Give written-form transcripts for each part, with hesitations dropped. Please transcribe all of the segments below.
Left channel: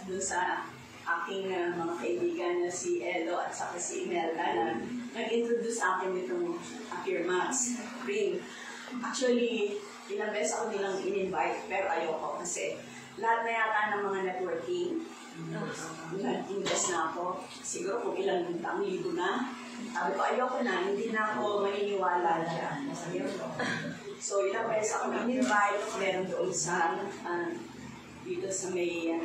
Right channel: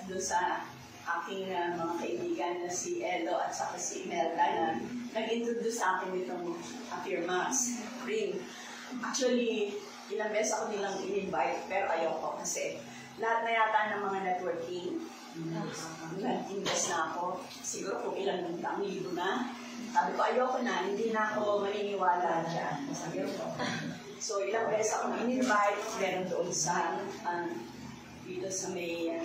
at doon sa aking mga kaibigan na si Elo at saka si Imelda na nag-introduce sa akin nitong Affirmax Cream. Actually, ilang beses ako nilang in-invite pero ayoko kasi lahat na yata ng mga networking, nag-invest na ako. Siguro kung ilang libo na. Sabi ko, ayoko na, hindi na ako maniniwala dyan. So, ilang beses ako in-invite, meron doon sa, dito sa may,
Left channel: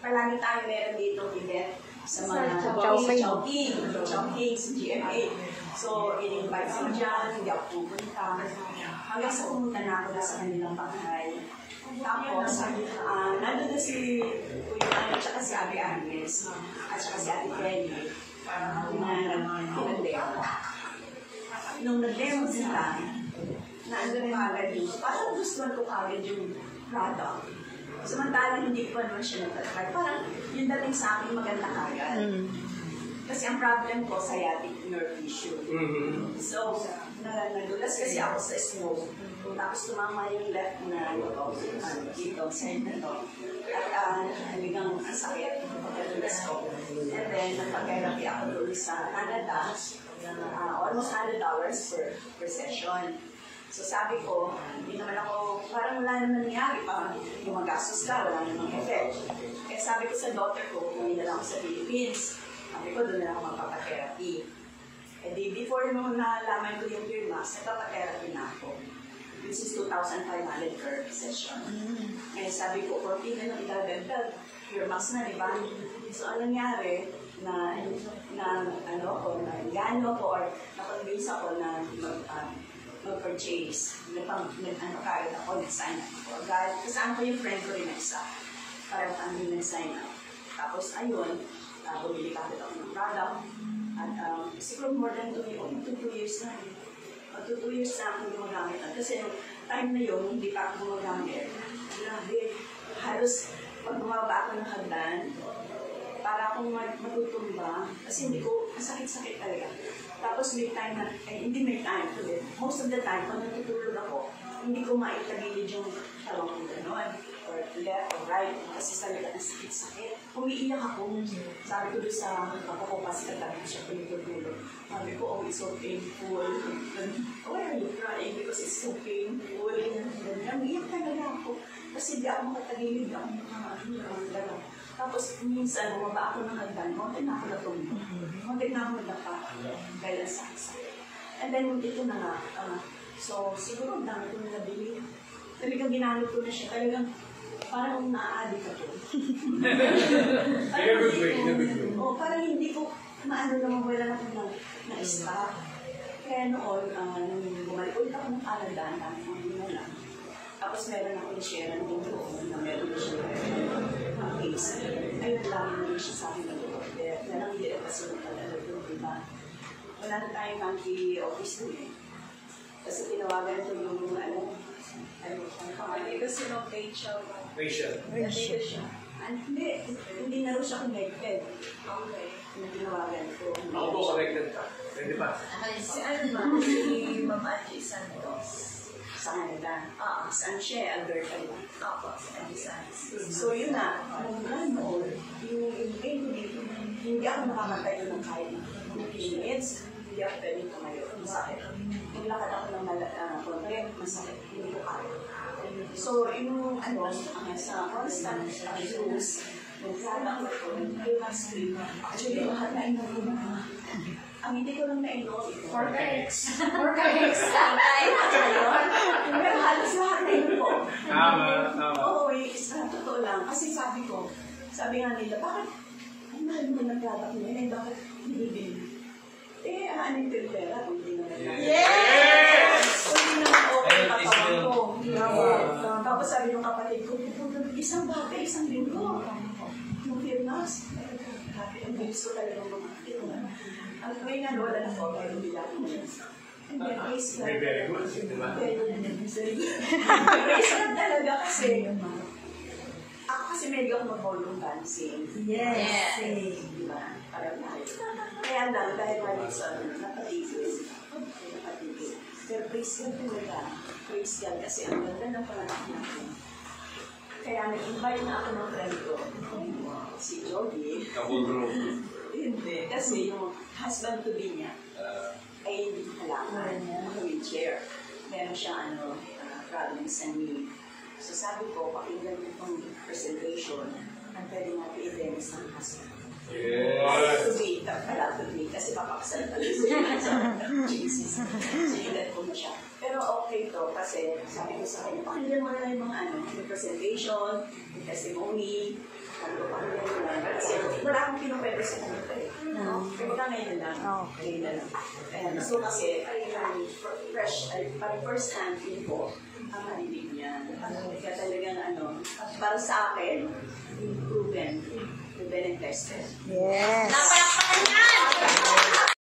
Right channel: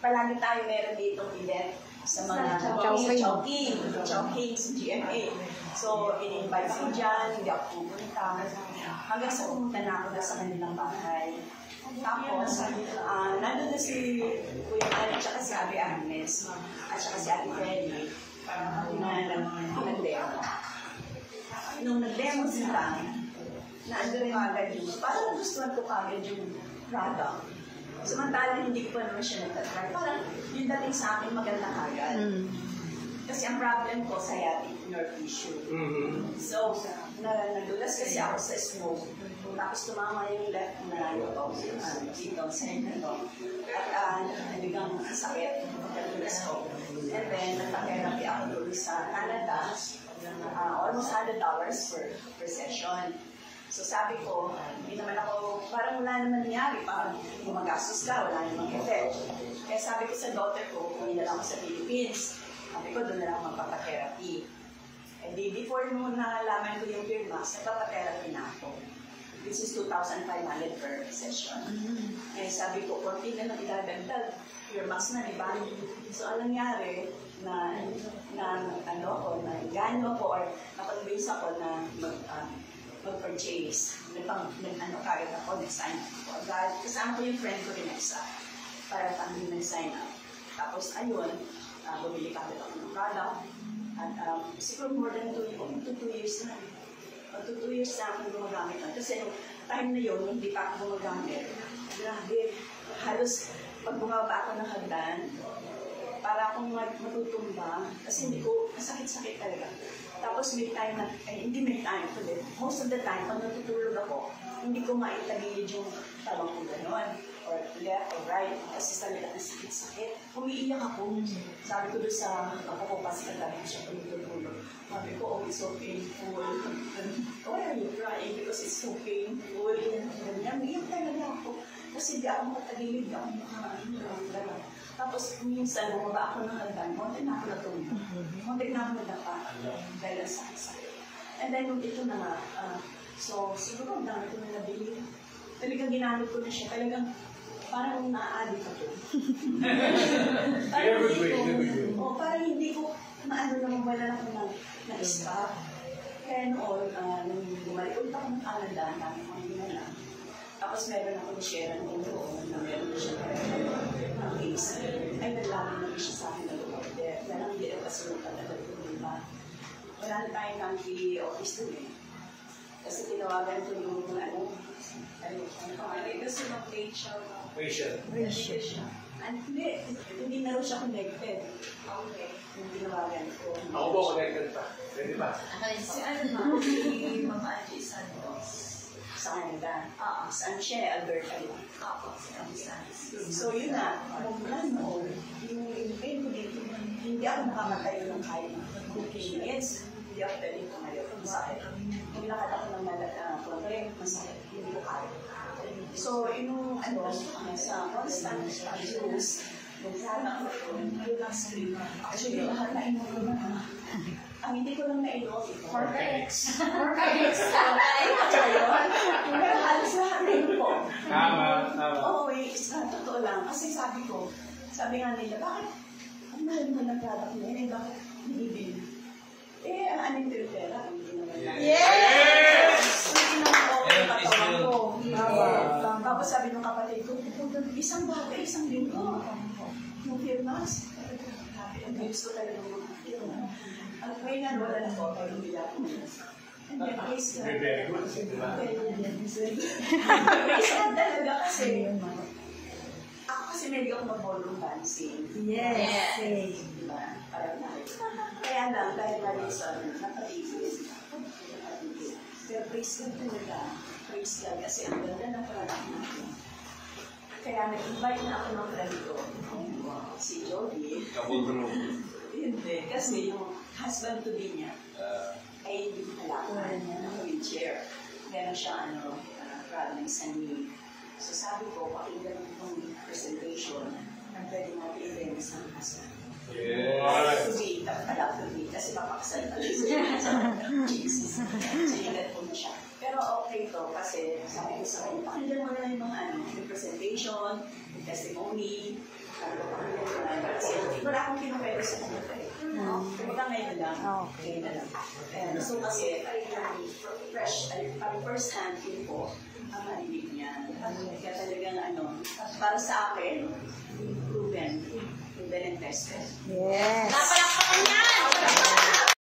palagi tayo meron dito event sa mga Chowking, sa GMA. So, in-invite ko dyan, hindi ako pupunta. Hanggang sa pumunta na ako sa kanilang bahay. Tapos, nandun na si Kuya Ay, at saka si Ate Agnes, at saka si Ate Kelly, na nag-demo. Nung nag-demo sila, nandun yung agad yung, parang gusto ko agad yung product. Samantalang hindi ko pa naman siya natatry. Parang yung dating sa akin maganda agad. Kasi ang problem ko sa nerve tissue. So, nadulas kasi ako sa smoke. Tapos tumama yung left na dito, sa ito. At nabigang ang sakit, nadulas ko. And then, nagpa-therapy ako doon sa Canada. Almost $100 per session. So sabi ko, hindi naman ako, parang wala naman nangyari, parang gumagastos ka, wala namang effect. Kaya sabi ko sa daughter ko, kung na lang ako sa Philippines, sabi ko, doon na lang ako magpapatherapy. And before nung nalaman ko yung Firmax, nagpapatherapy na ako. This is 2,500 per session. Kaya sabi ko, konti na lang ilalagdag, Firmax na, diba? So anong nangyari, na gano ko, or nakonvince ako na mag-purchase. Nag-kahit ako, nag-sign up ako. Kasama ko yung friend ko rin isa. Parang kami nag-sign up. Tapos, ayun, bumili ka ako ng product. At siguro more than 2 years na. 2 years na akong gumagamit. Kasi yung time na yun, hindi pa ako gumagamit. Grabe, halos pag bumaba ako ng hagdan, para akong matutumba. Kasi hindi ko, sakit-sakit talaga. Tapos may time na, hindi may time. Most of the time, pag natutulog ako, hindi ko maitagilid yung tawang ko gano'n. Or left or right. Kasi talaga ang sakit-sakit. Umiiyak ako. Sabi ko doon sa ako kasi kagabi siya pinutulog. Sabi ko, oh, it's so painful. Why are you crying? Because it's so painful. Umiiyak talaga ako. Kasi hindi ako makatagilid. Hindi ako makatagilid. Tapos, minsan, bumaba ako ng hagdan, konti na ako natulog. Konti na ako nagdapa. Dahil sa sakit. And then, ito na nga. So, siguro ang dami ko na nabili. Talagang ginamit ko na siya. Talagang, parang na-addict ako. Parang hindi ko, maano naman wala na akong na-stop. Kaya noon, nung bumalik ulit ako ng Canada, ang dami akong ginala. Tapos meron ako ni-share ng doon na meron na siya ang case. Ay, naglami na siya sa akin ng order. Walang hindi kasi nung talaga doon, diba? Wala na tayong anti-office doon eh. Kasi tinawagan ko yung ano, kasi nung Rachel. Hindi na rin siya connected. Okay. Yung tinawagan ko. Ako po connected pa. Pwede ba? Si ano ba? Si Ma'am Angie Santos. Sa Canada. Saan siya? Alberta lang. So yun na, yung pain ko dito, hindi ako nakamatay ng kahit 2 minutes, hindi ako pwede tumayo. Masakit. Nilakad ako ng kulagay, masakit, hindi ko kaya. So, yung sa constant use, nagsabi ako yung last week, actually, lahat na inom ko na. Ang hindi ko lang na-enroll, Forca-X. Pero halos lahat na inom ko. Tama. Oo, totoo lang. Kasi sabi nga nila, bakit ang mahal mo ng product mo yun? Bakit hindi bili? Ano yung filtera? Hindi naman lang. Yes! Hindi naman okay katawan ko. Tapos sabi ng kapatid ko, isang bagay, isang linggo. Yung Firmax. Ang bilis ko talaga mga ang may wala na po, pero hindi ako. And then, praise God. Very good. Praise God talaga kasi. Ako kasi may ako mag-ballroom dancing. Yes. Diba? Parang na. Kaya lang, dahil namin sa napatigil. Pero praise God talaga. Praise God kasi ang ganda ng product natin. Kaya nag-invite na ako ng friend ko, si Jody. Kabudro. Hindi, kasi yung husband-to-be niya ay hindi ko kailangan ng wheelchair. Meron siya problems sa knee. So sabi ko, pakinggan mo itong presentation na pwede natin i-demos ng husband. Yeah. To be, kasi papakasal pa rin siya. Sinilat ko na siya. Pero okay to kasi sabi ko sa kanya, pakinggan mo na yung mga yung presentation, yung testimony, pakinggan mo na. Kasi wala akong pinupwede sa kanya. Kumbaga ngayon lang. Ngayon na lang. So kasi, fresh, first hand yun po, ang marinig niya. Kaya talaga para sa akin, proven and tested. Yes.